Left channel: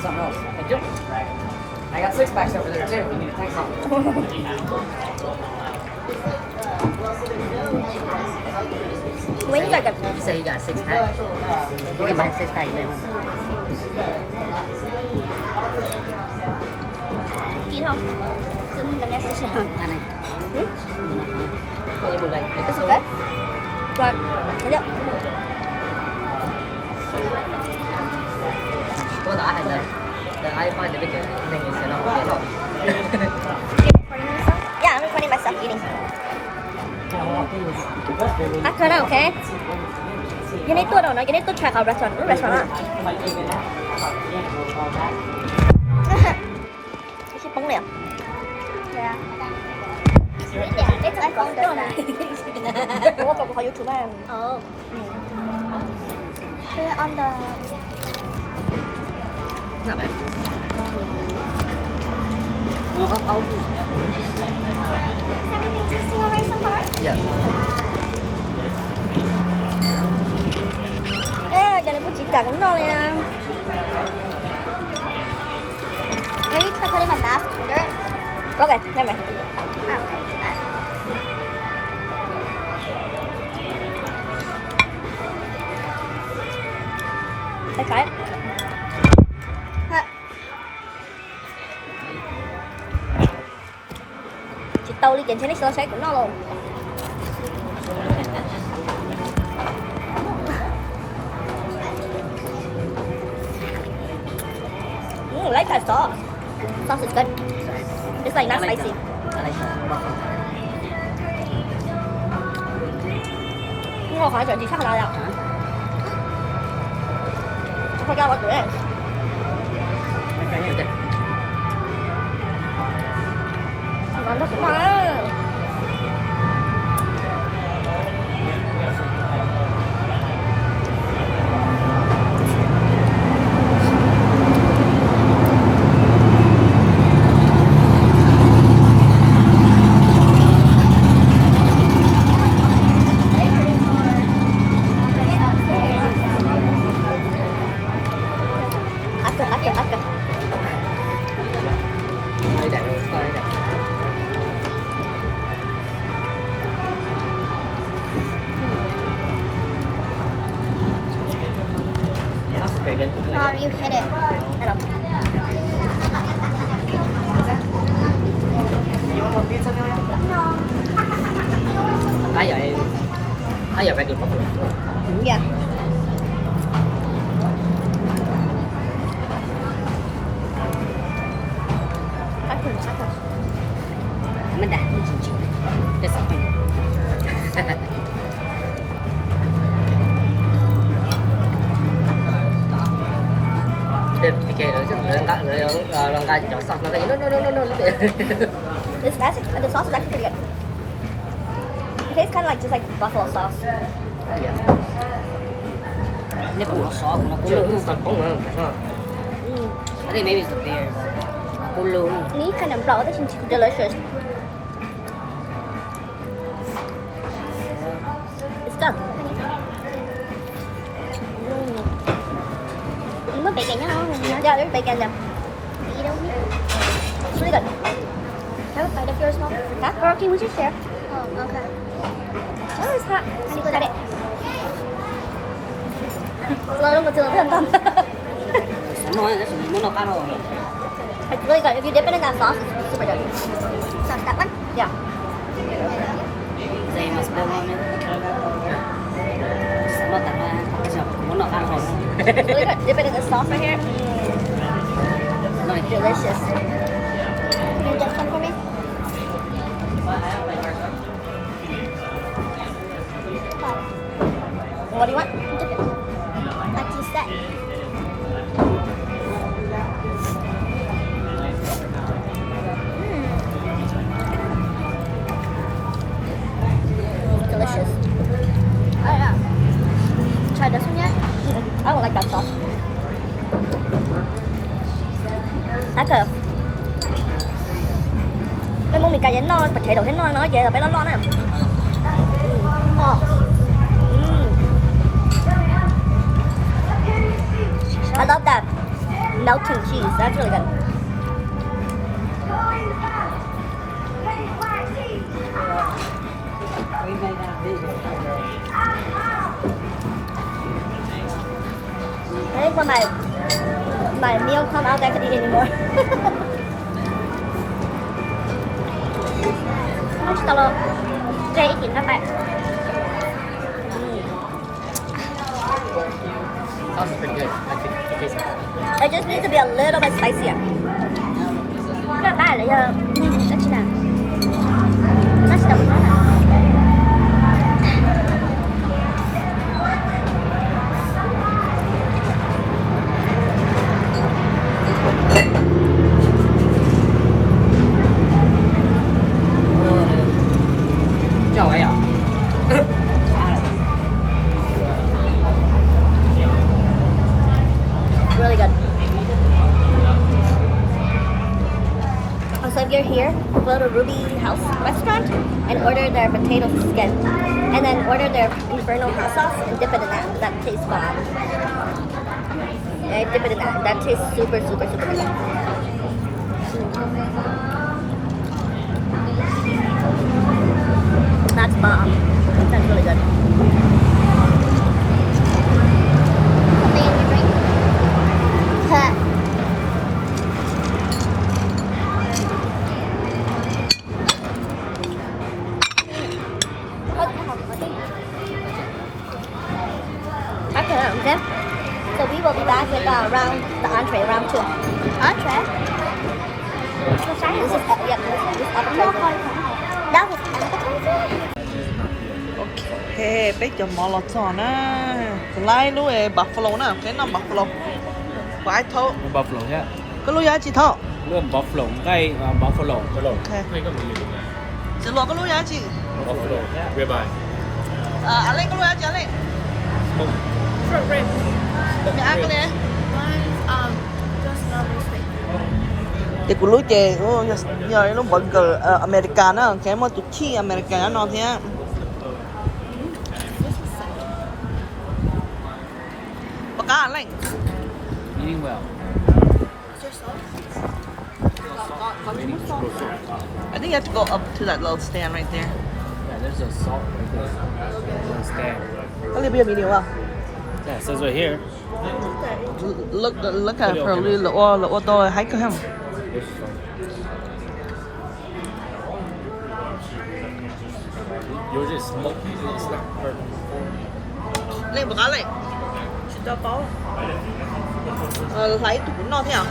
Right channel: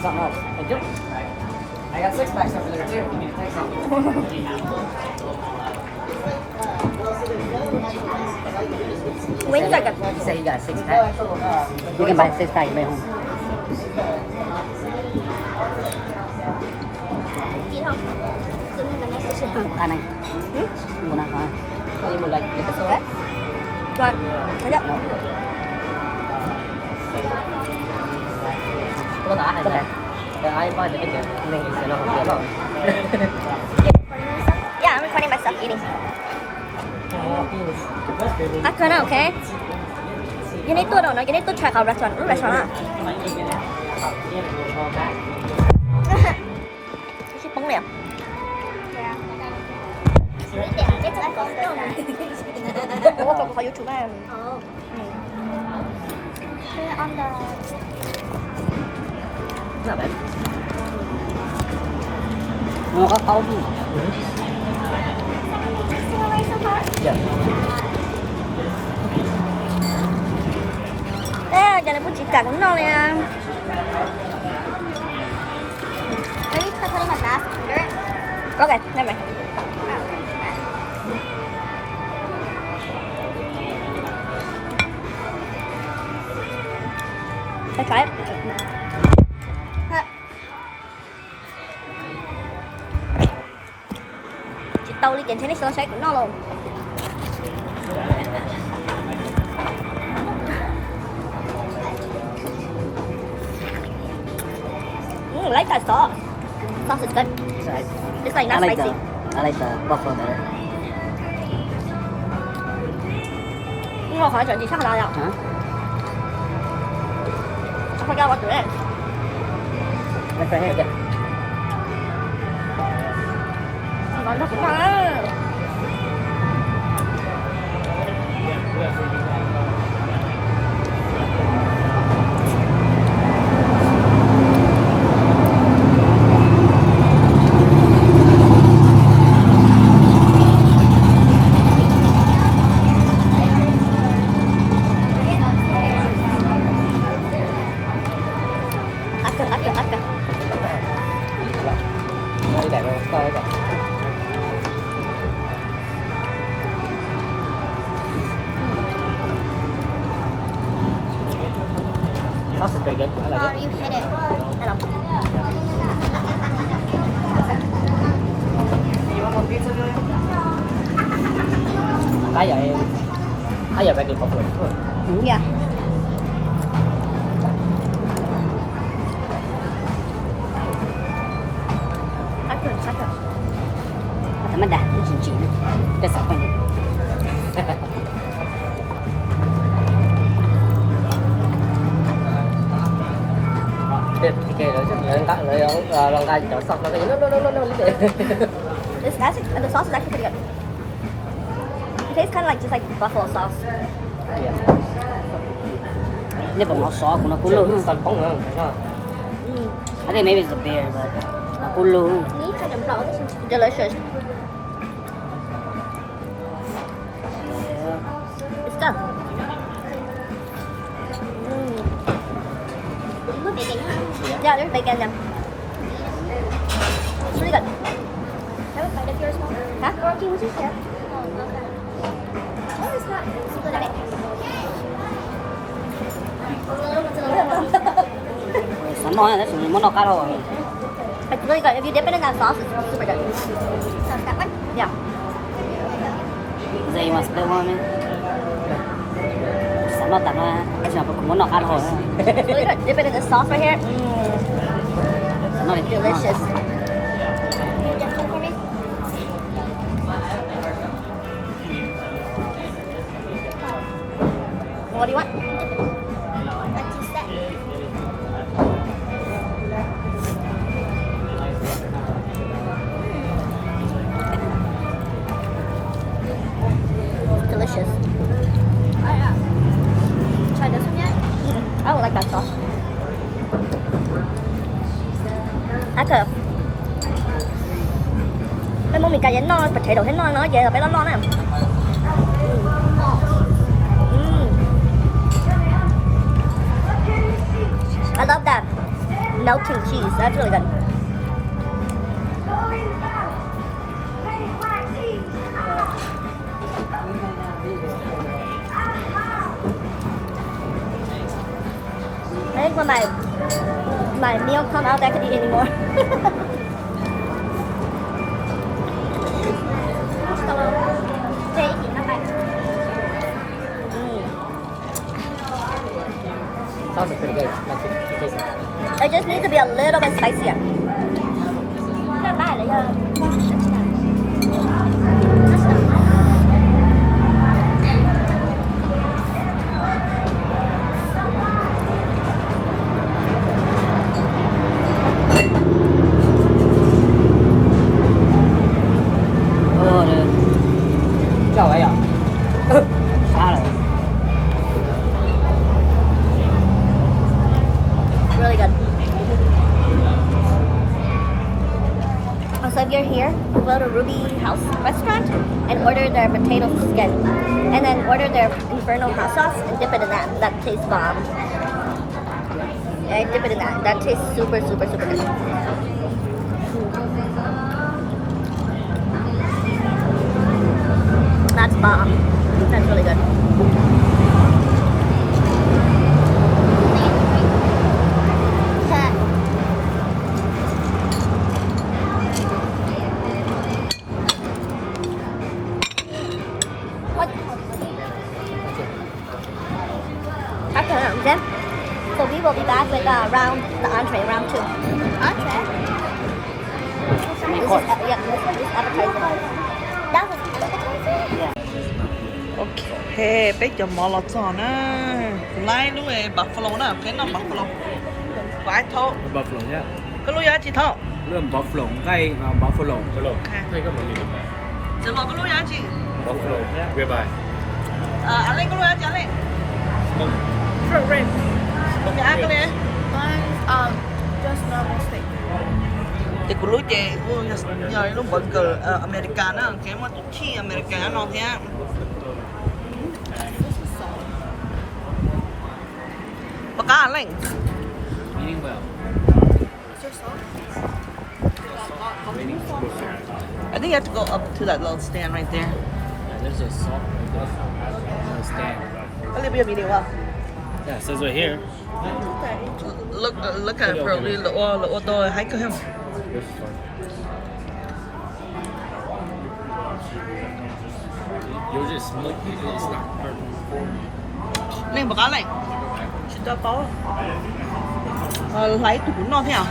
need something else. I got 6 packs over there too. We need to take some. When you got the You say you got a 6-pack? You can buy a 6-pack at home. Nhìn không? Xin lần em sẽ Cái này. Mua nào không? Bây giờ mình lại cái số Rồi, thấy chưa? có lạ hay sao? Ai qua được cái mình sẽ nói cái đó. Yeah, I'm recording myself eating. Akana, okay? You need to know, you need to check out restaurant. Restaurant. Cái bóng này à? Ủa, còn có YouTube em. Sao vậy? Mua có tấu. Dạ. Ê, giờ này bún chỉ cả cũng ngon nè. Có kìa, đây mày. Phải. Chị tâu đi chỉnh tennis xoay của nó luôn. Like that sauce. Sauce is good. It's like not spicy. I like the buffalo. Nhưng mà hỏi chuyện gì chắc là đâu. I forgot what it is. Okay, make it. Ngon thật cũng ngon á. Ác cơ. Đây để coi đây. That's pretty good. I like it. You hit it. Hello. Nãy giờ bạn được không? Yeah. Ác cơ. Nó đạt cái chỉ. Cái sạch này. Thì kia nữa chứ cắt rồi lần ra chỗ xong nó nó. The sauce is actually pretty good. It tastes kind of like just like buffalo sauce. Nếu còn nó xó của nó cũng lớn. Còn bóng nữa. I think maybe it's the beer. Nó cũng lớn. Ini kind of raw. This is delicious. It's good. Có bacon nhá. Yeah, there's bacon in them. It's really good. Huh? Rocky, would you share? It's hot. See, look at it. Sống ngon, cái sủng món nó cá rồi. It's really good. If you dip it in that sauce, it's super good. Yeah. Dây mà sẽ ngon. Sống nó tặng ra, cái sủng món nó cá rồi. It's really good. Dip it in the sauce right here. Nice. Delicious. What do you want? Delicious. Try this one yet? I don't like that sauce. Ác Mấy món mì cay nó bạch chạy đầu thấy nó về là phải nó nè. I love that. melting cheese. That's really good. I think when my meal come out, I could eat anymore. Hello. Đây nhìn các bạn. Sounds pretty good. Like it tastes like It just needs to be a little bit spicier. Các bạn lại giờ. Rất là. Chào ấy à? Really good. So if you're here, go to Ruby House restaurant and order their potato skin. And then order their Inferno hot sauce and dip it in that. That tastes bomb. Yeah, dip it in that. That tastes super, super, super good. That's bomb. That's really good. Okay. So we will be back with the entree, round 2. Entree? This is this is appetizer. Ok, bây giờ mò lọt giò nè. Lại luôn ấy, buffalo nè, cái nào buffalo. Phải thôi. buffalo nhé. Cái lúa giá chị thôi. เริ่ม buffalo ใกล้ buffalo Ok. ให้ก็มันมี Sẽ lọt cái lúa giá chị. buffalo ribeye Anh lên cái lúa giá chị, anh lên. Short rib. Cái ăn cái này. Just normal steak. Thì của lúa chè, nhờ nó bận cờ American á, cái mà tụt chi American nó thế. Bác cá anh lên. ยิ่งกว่า I think you have to go up to that little stand right there. this is stand Có cái bia video không? yeah it says right here Look at it, bro. Lỗ tôi hãy cơ hem. this is fine yours is smoky it's not perfect Lên bác cá lên. Xin cho có. Lấy tụi nó thế nào?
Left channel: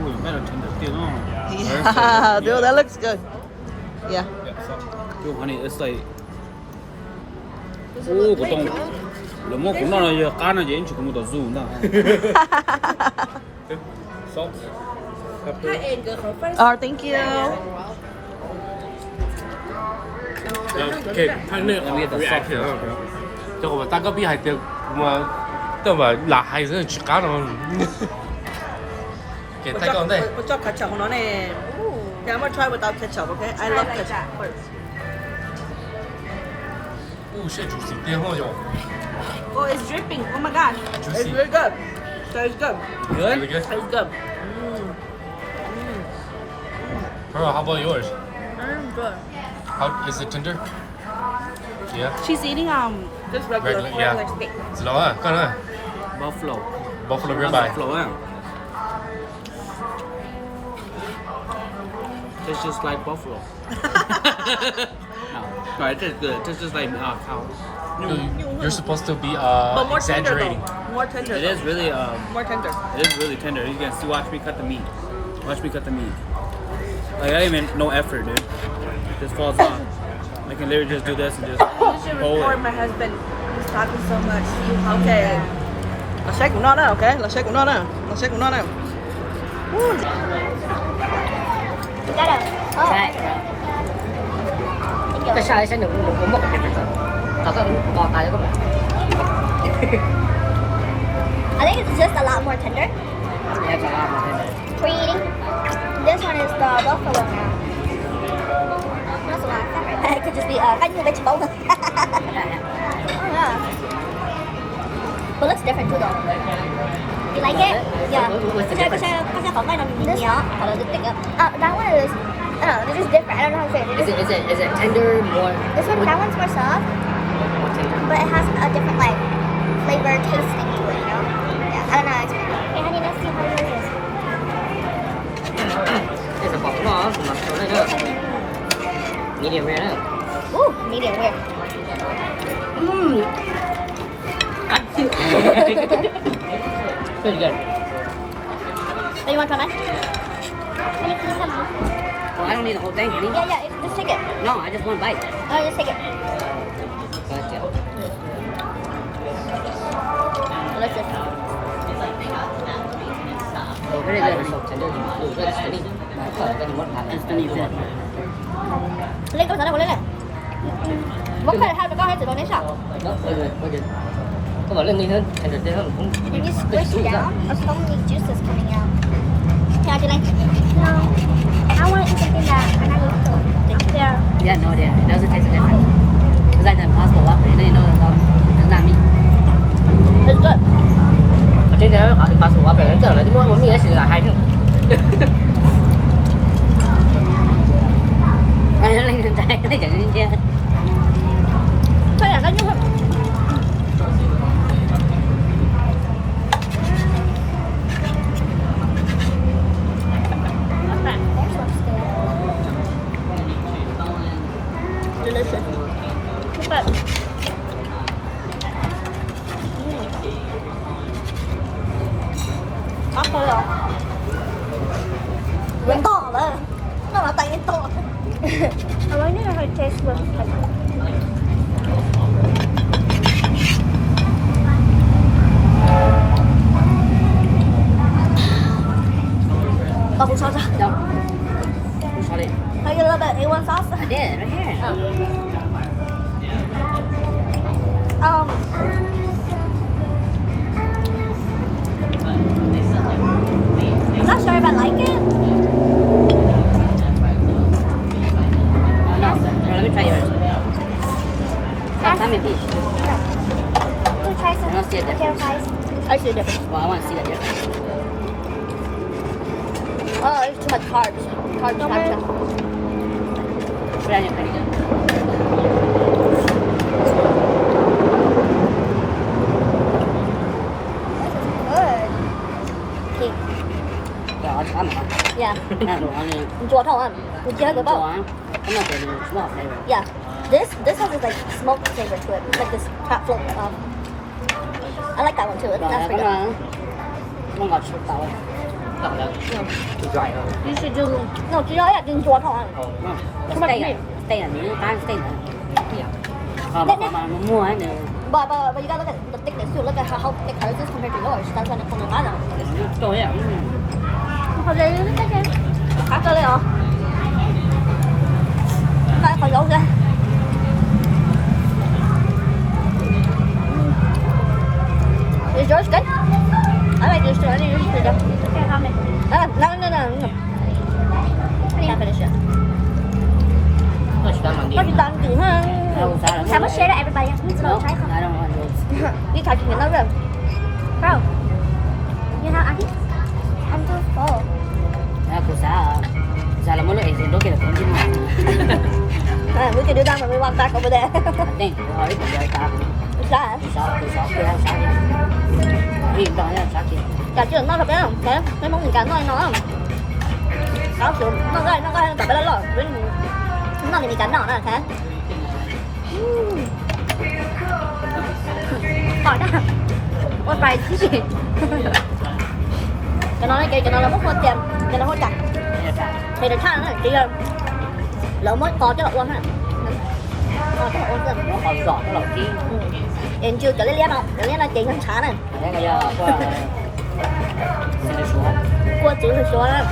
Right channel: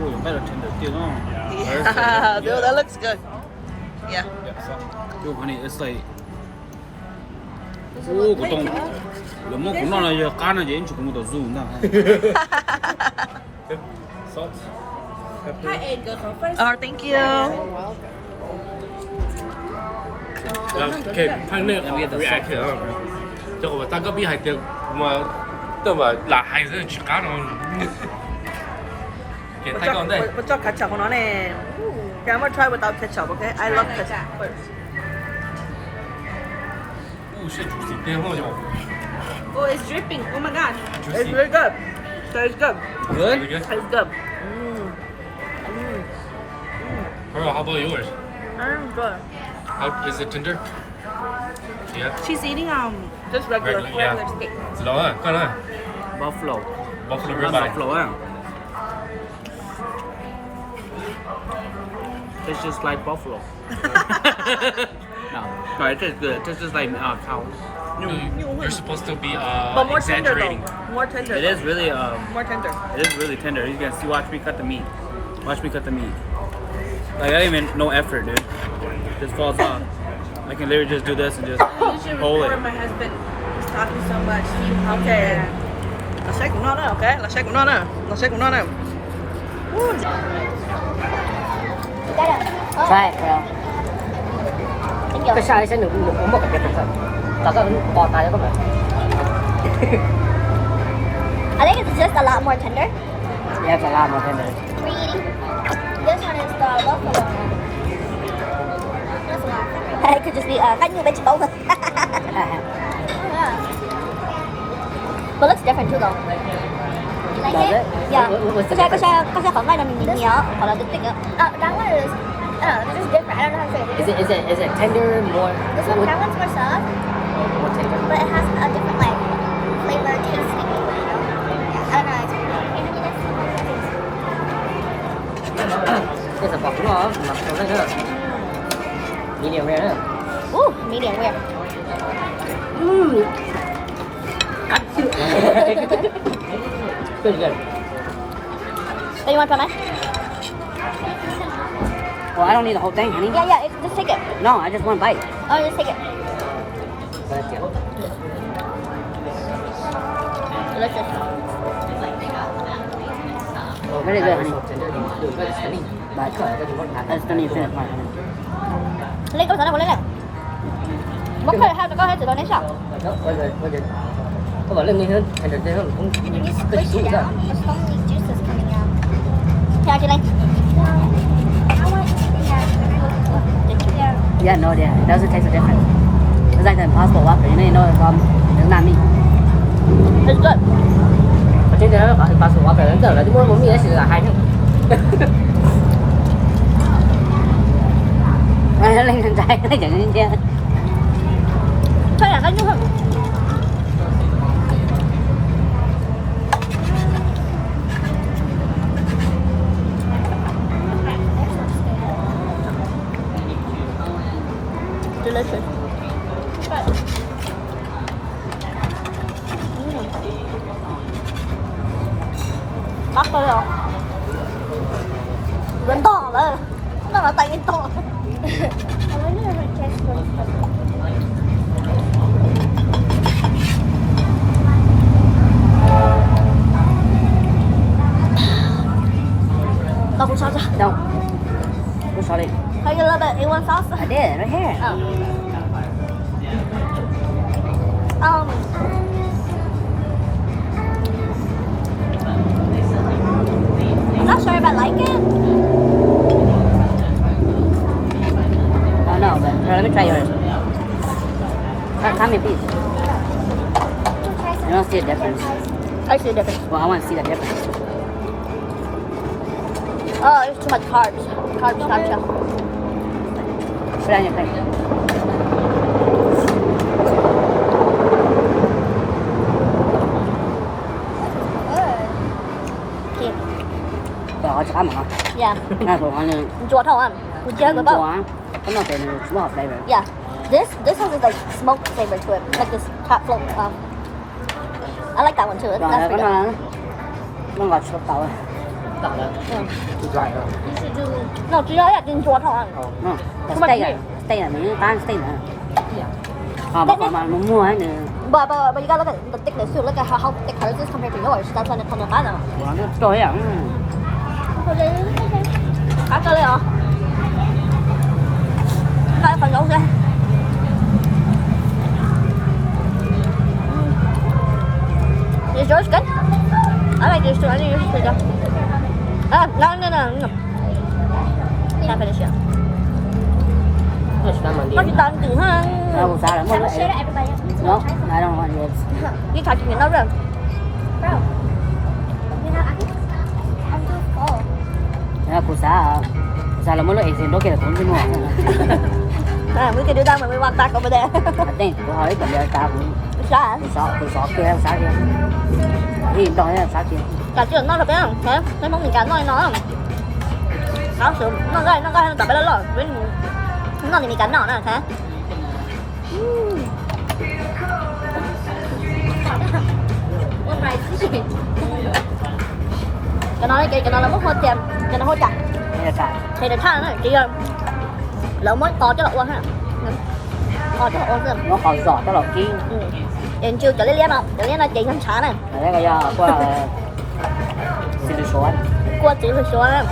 ooh you better tend to feel on Yeah, dude, that looks good. Yeah. dude honey it's like ô của tông nếu mà cũng nói là cá nó dễ chịu cũng được zoom đó salt pepper Thank you. Okay, partner reaction 啊，就我大哥比还得我，对吧？那还是去干了。给大哥对， Tôi cho ketchup của nó nè. Can I try without ketchup, okay? I love ketchup. 不是主席边放就 Oh, it's dripping. Oh my god. It's very good. Tastes good. good Tastes good. Pearl, how about yours? Good. How is it tender? Yeah. She's eating just regular. Regular, yeah. steak. 子龙啊，看看 buffalo buffalo not ribeye. buffalo tastes just like buffalo no it tastes good it tastes just like cow You're supposed to be But more tender exaggerating. though. More tender. it is really More tender. it is really tender. You can see, watch me cut the meat. Watch me cut the meat. Like I didn't even no effort, dude. Just falls off. I can literally just do this and just hold it. My husband is talking so much. Okay. Là xe của nó nè, ok? Là xe của nó nè. Là xe của nó nè. Right. Thank you. Cái size nó cũng một cái là có bò tài có một. I think it's just a lot more tender. Dạ phải làm một cái này. Were you eating? This one is the buffalo. It could just be cá như vegetable. But looks different too though. You like it? Yeah. Có sẽ phỏng vai là nhỏ hoặc là tích á. That one is, this is different. I don't know how to say it. Is it tender more? This one, that one's more soft, but it has a different like flavor, taste. I don't know. Hey, honey, let's see what it is. This is probably more. Medium rare. Ooh, medium rare. Pretty good. So you want to try mine? Well, I don't need the whole thing, honey. Yeah, just take it. No, I just want a bite. Oh, just take it. Delicious. Oh, very good. Very stunning. But that's stunning food. Lên câu trả lời của Lên này. Bốc hơi hai có hai từ đó đến sao? Đó, very good, very good. Có bảo lên nhanh hơn, thành thực tế hơn cũng tích xuống rồi. Theo chị Linh. Yeah, no, yeah, it doesn't taste different. It's like the Impossible Whopper, you know, it's not me. It's good. Chứ nếu gọi Impossible Whopper, nó tưởng là cái món mì nó sẽ là hai mình. Nó lên trên trái, nó chẳng lên kia. Thôi là cái nhung không? Delicious. Bắt tôi rồi. Vẫn to đấy. Nó là tay to. I wonder how it tastes when double sauce. Đâu? Không sao đi. How you love it? A1 sauce? I did, right here. I'm not sure if I like it. I know, but let me try yours. How many piece? I don't see a difference. I see a difference. Well, I want to see the difference. Oh, there's too much carbs. Carbs. Put it in your Đó, chả mà. Yeah. Nó đồ ăn Chua thầu ăn. Chua cái bao. chua. Cái nó từ nó hợp đây rồi. Yeah. This has this like smoke flavor to it, like this top float. I like that one too. That's pretty good. Nó ngọt sốt tàu. Thịt lại. No, chỉ là chính chua thầu ăn. Không phải stay là nó tan stay nữa. Mà mua á nhiều. But you gotta look at the thickness too. Look at how thick hers is compared to yours. That's when it comes apart now. Trời ơi. Cắt cho lên hả? Đây phần dấu ra. Is yours good? I like yours too. I think yours is good. No. Can't finish it. Có chị toàn chừng ha. Can we share to everybody? No, I don't want yours. Đi thả chuyện nó rồi. Bro, you know, I'm just full. Nó cũng sao là muốn lợi dụng nó kia là không đi mua. We can do that when we walk back over there. Đây thì hỏi còn đợi ta. Sao? Sao kia. Im đó nha, sao kia. Cả chuyện nó là bé không? Thế, cái món gì cả nói nó không? Đó, sự nó gai tập bé đó rồi. Nó thì mì cắn nhỏ nè, thế. What price is it? Cái nó là mất hôn tiền, cái nó hôn chặt. Thì được thang nó chỉ lỡ mới to cho lọ uống ha. To cho lọ uống xem. Nó còn giọt cái lọc kia. Em chưa cho lấy liếm không? Cho lấy nó chỉ hơn xả này. Đấy là do số. Cua chỉ phải số này.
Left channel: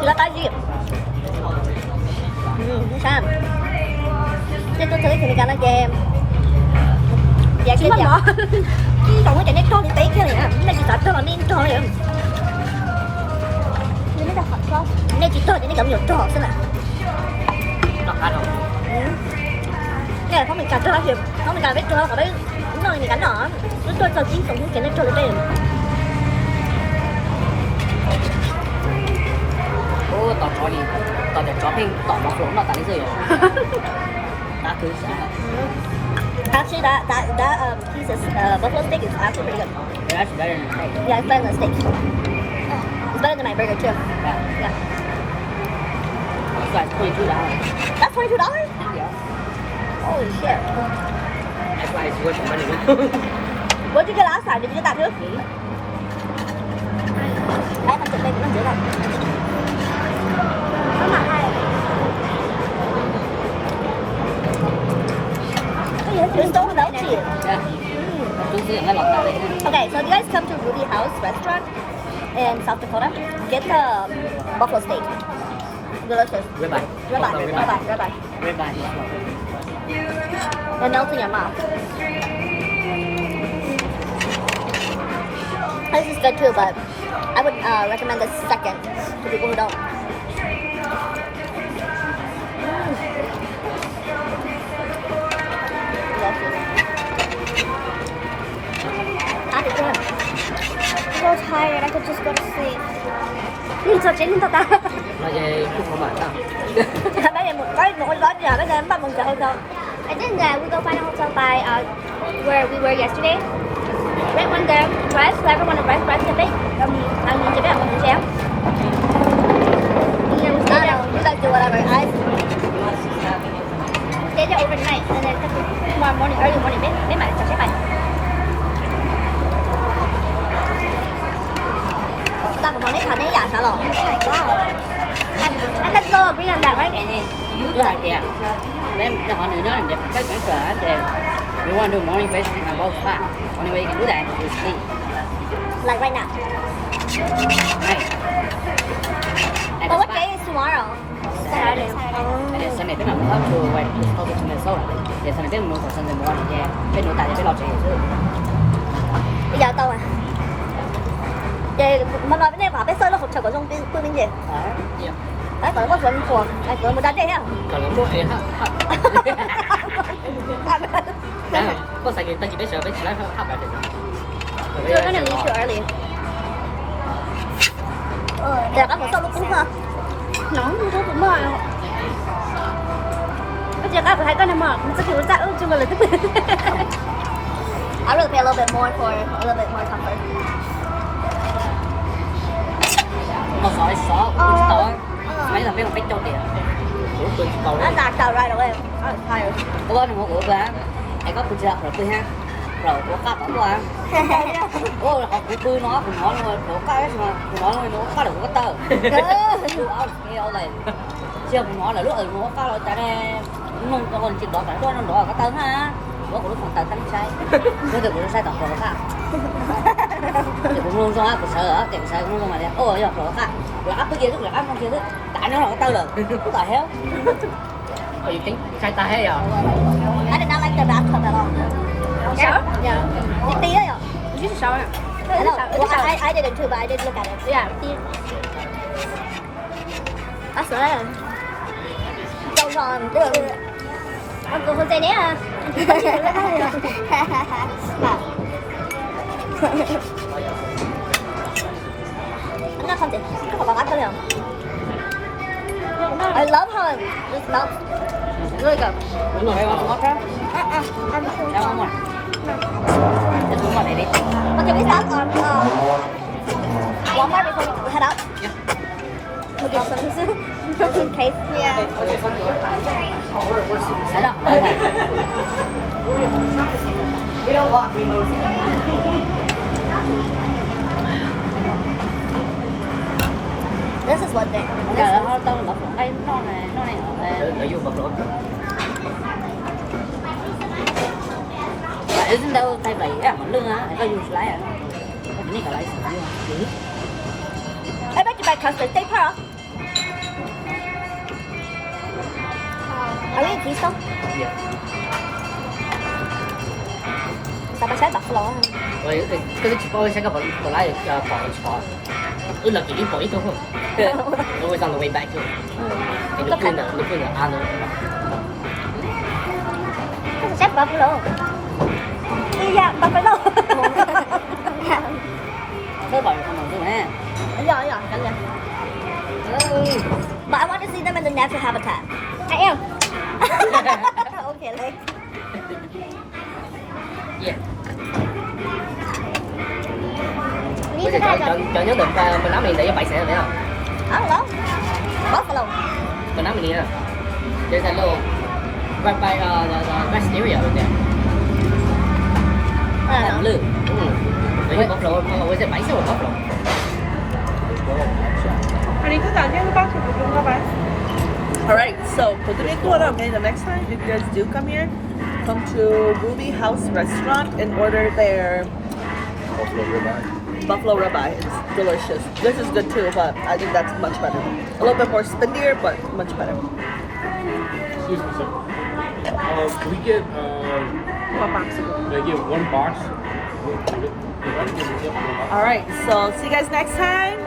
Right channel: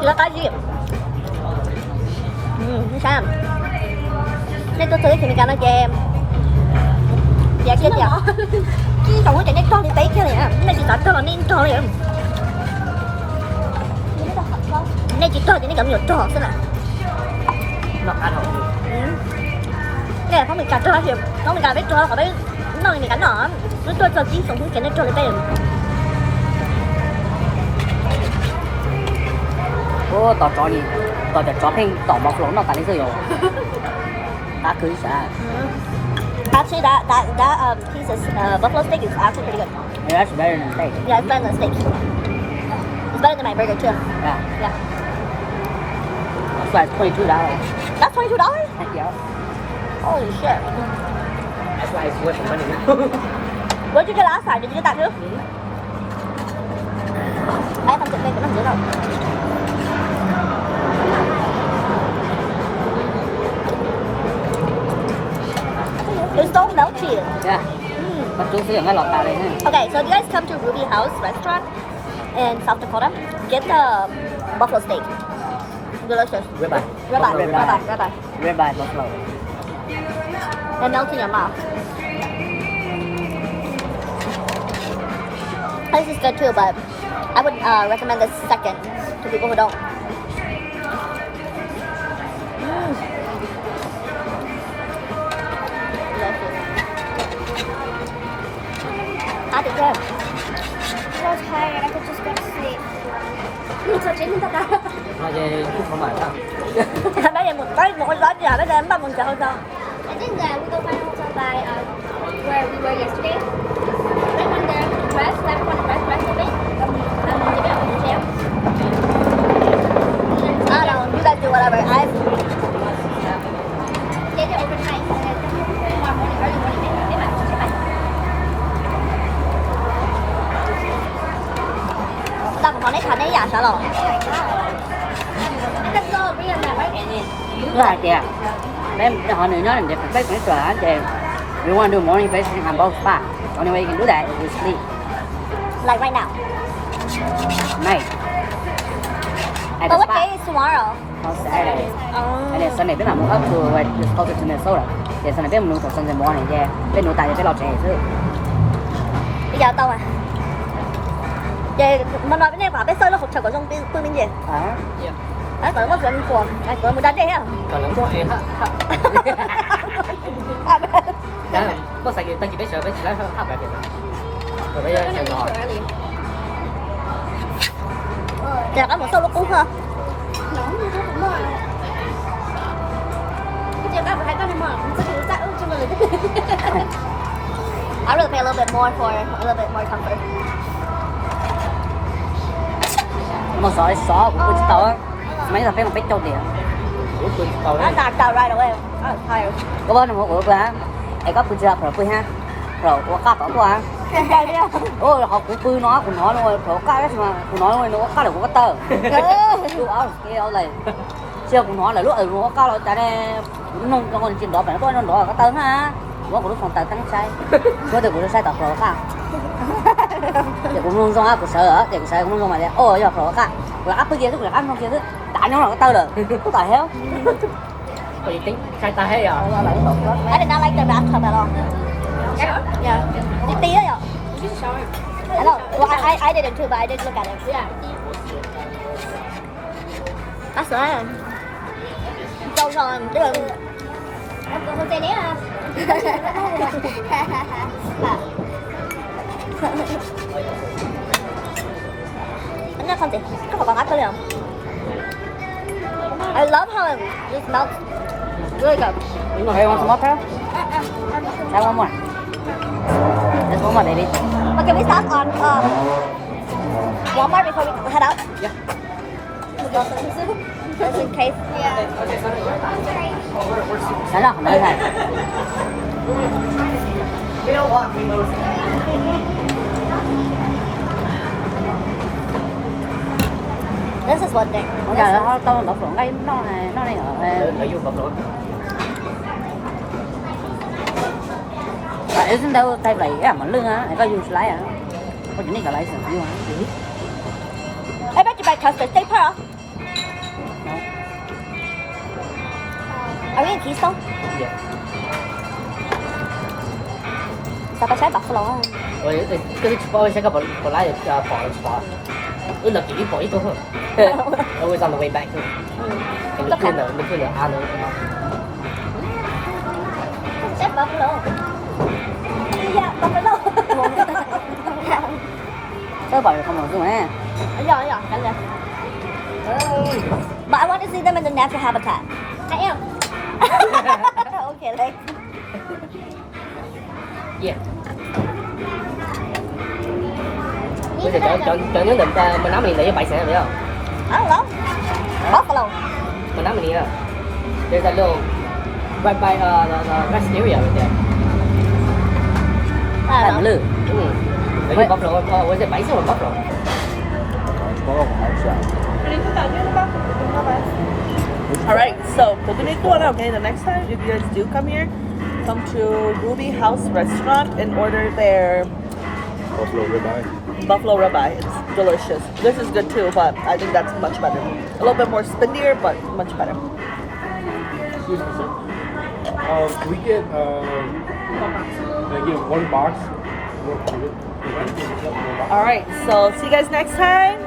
Chỉ là cái gì? Không sao. Nên tôi thấy thì mình cắn nó cho em. Dạ cái nhỏ. Còn cái này to thì tí cái này à. Này chỉ to cho nên to vậy. Này chỉ to thì nó cầm nhiều to thế nào. Cái này không mình cắt cho thì không mình cắt với cho có đấy no, mình cắn nó. Tôi giờ chỉ tổng cái này cho lên đây. Ủa tỏ cho đi, tỏ đẹp cho hình, tỏ nó xuống nó tặng cái gì rồi. Đã cứ sao? Actually, that piece of buffalo steak is actually pretty good. Yeah, that's better than the Yeah, it's better than the steak. It's better than my burger too. Yeah. Yeah. That's like $22. That's $22? Yeah. Holy shit. Where'd you get last time? Did you get that too? Đấy, phần thịt đây cũng nằm dưới rồi. It's so melty. Yeah. But this is not that way. Okay, so if you guys come to Ruby House Restaurant in South Dakota, get the buffalo steak. Delicious. Ribeye. Ribeye. Ribeye, buffalo. It melts in your mouth. This is good too, but I would recommend this second to people who don't. Delicious. Hot as well. I was tired. I could just go to sleep. Nhưng cho chết thật ta. Mà về không phải sao? Bây giờ một cái đó giờ bây giờ em bắt mình chờ sao? I did that. We go find a hotel by where we were yesterday. Went one there, drive, whoever want to drive to it. I'm going to get on the chair. I don't know, you guys do whatever. I Stay there overnight and then tomorrow morning, early morning, they might start by. ta còn lấy thành ấy giả sao rồi? Let's go, bring them back, right? Thứ hai tiền. Nên họ nói là được cái kỹ thuật thì you want to do morning face and both spa. Only way you can do that is sleep. Like right now. Night. But what day is tomorrow? Saturday. And then Sunday bên nào cũng up to right it's closer to Minnesota. Then Sunday bên mình phải Sunday morning there. Bên nội tại cái lo chuyện thứ. Bây giờ tao à. Vậy mà nói bên đây bảo bên sơi nó hỗ trợ của trong bên bên gì? Đấy, còn có phần của, đấy, còn một đợt đây hả? Còn lắm chỗ em ha. Đấy, có sai điều ta chỉ biết sợ biết lái không khác We're gonna leave too early. Để có một sâu lúc cũ hả? Nóng như thế cũng mỏi. Bây giờ các bạn thấy cái này mỏi, mình sẽ kiểu dạ chung là cái I really pay a little bit more for a little bit more comfort. mà sợ tôi sợ mấy thằng biết là biết cho tiền Nó đạt tàu right away. I'm tired. có bao nhiêu một bữa là ai có bây giờ rồi ha rồi có cắt đó qua Đây đi. ôi họ cứ bươi nó cũng nói rồi rồi cắt mà cũng nói nó cắt được có tơ cái này chưa cũng nói là lúc ở nó cắt rồi cái này nông cho mình chuyện đó phải có nó là cái tơ mà nó cũng không tơ cái nó sai có thể cũng sai tập rồi khác cũng luôn trong áp của sở cảnh sở cũng luôn mà ôi giờ rồi khác là áp cái kia tức là áp trong kia tức tại nó là cái tơ rồi có tại hết tính sai tay hết rồi I did not like the bathtub at all. Yeah. Chị tí ấy ạ. This is shower. I know. Well, I didn't too, but I did look at it. Yeah. That's right. Trâu tròn, tức là Con con tay nè à. anh nó không chị, có phải bằng áp thôi không? I love how it just melts. Really good. nhưng mà hay ăn smoke hết ăn không mà không mà để đi But can we stop on Walmart before we head out? Yeah. Just in case. đó là không phải We don't want mimosas. This is one thing. là nó to nó cũng đây nó này ở vô bụng ý chúng đâu tay bảy cái mà lưng á có dùng lái à có những cái lái sản luôn I bet you buy custard. Stay pearl. Are we in Keystone? Sao ta trái buffalo á? rồi cái tôi sẽ có một lái được cho khỏi ước là chỉ khỏi thôi không xong rồi bạn Tất cả. được cái ăn Chắc buffalo. Yeah. phải không nói gì này. Yeah, cánh lên. But I want to see them in the natural habitat. I am. Okay, like. Yeah. Lý Bây giờ do chọn nhất định con đá mì này với bạch sẽ biết không? I don't know. Buffalo. Con đá mì này. There's a little right by the vegetarian over there. I don't know. Lư. Maybe buffalo. Was it bison or buffalo? Alright, so pagkunik ko na, okay, the next time if you guys do come here, come to Ruby House Restaurant and order their buffalo ribeye. It's delicious. This is good too, but I think that's much better. A little bit more spindier, but much better. Excuse me, sir. Can we get maybe one box? Alright, so see you guys next time.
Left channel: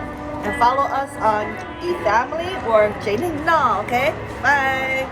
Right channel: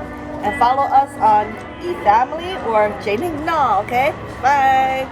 And follow us on eFamily or Janing Na, okay? Bye!